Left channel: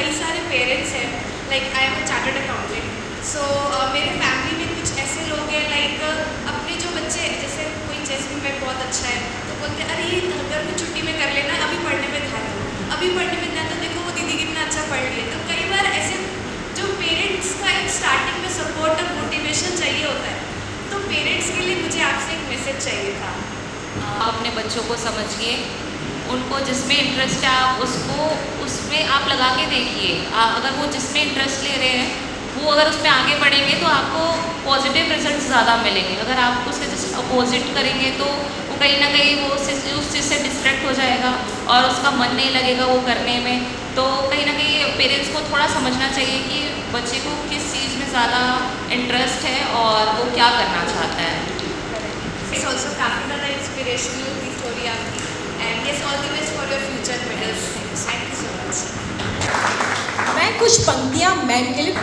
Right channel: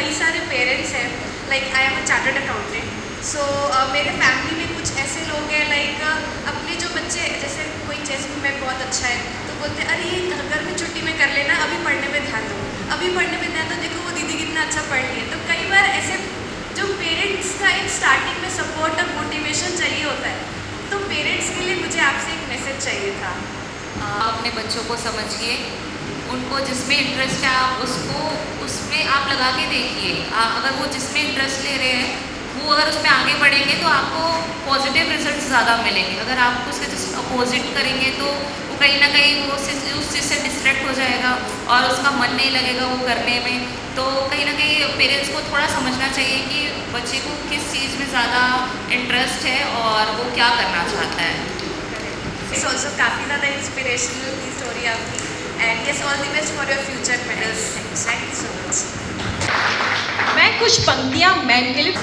कई सारे पेरेंट्स हैं, like I am a chartered accountant, so मेरे फैमिली में कुछ ऐसे लोग हैं लाइक अपने जो बच्चे, जैसे कोई चेस में बहुत अच्छा है तो बोलते हैं अरे घर में छुट्टी में कर लेना, अभी पढ़ने पे ध्यान दो, अभी पढ़ने पे ध्यान दो, देखो वो दीदी कितना अच्छा पढ़ रही है। तो कई बार ऐसे जो पेरेंट्स का एक स्टार्टिंग में सपोर्ट और मोटिवेशन चाहिए होता है, तो पेरेंट्स के लिए मुझे आपसे एक मैसेज चाहिए था। अपने बच्चों को समझिए, उनको जिसमें इंटरेस्ट है आप उसको उसमें आप लगा के देखिए। अगर वो जिसमें इंटरेस्ट ले रहे हैं वो अगर उसमें आगे बढ़ेंगे तो आपको पॉजिटिव रिजल्ट ज़्यादा मिलेंगे। अगर आप उसके जस्ट अपोजिट करेंगे तो वो कहीं ना कहीं वो उस चीज़ से डिस्ट्रैक्ट हो जाएगा और उसका मन नहीं लगेगा वो करने में। तो कहीं ना कहीं पेरेंट्स को थोड़ा समझना चाहिए कि बच्चे को किस चीज़ में ज़्यादा इंटरेस्ट है और वो क्या करना चाहता है। इट्स ऑल्सो काफ़ी ज़्यादा इंस्पिरेशनल स्टोरी आपकी, and yes all the best for your future medals. Thank you so much. मैं कुछ पंक्तियाँ मैम के लिए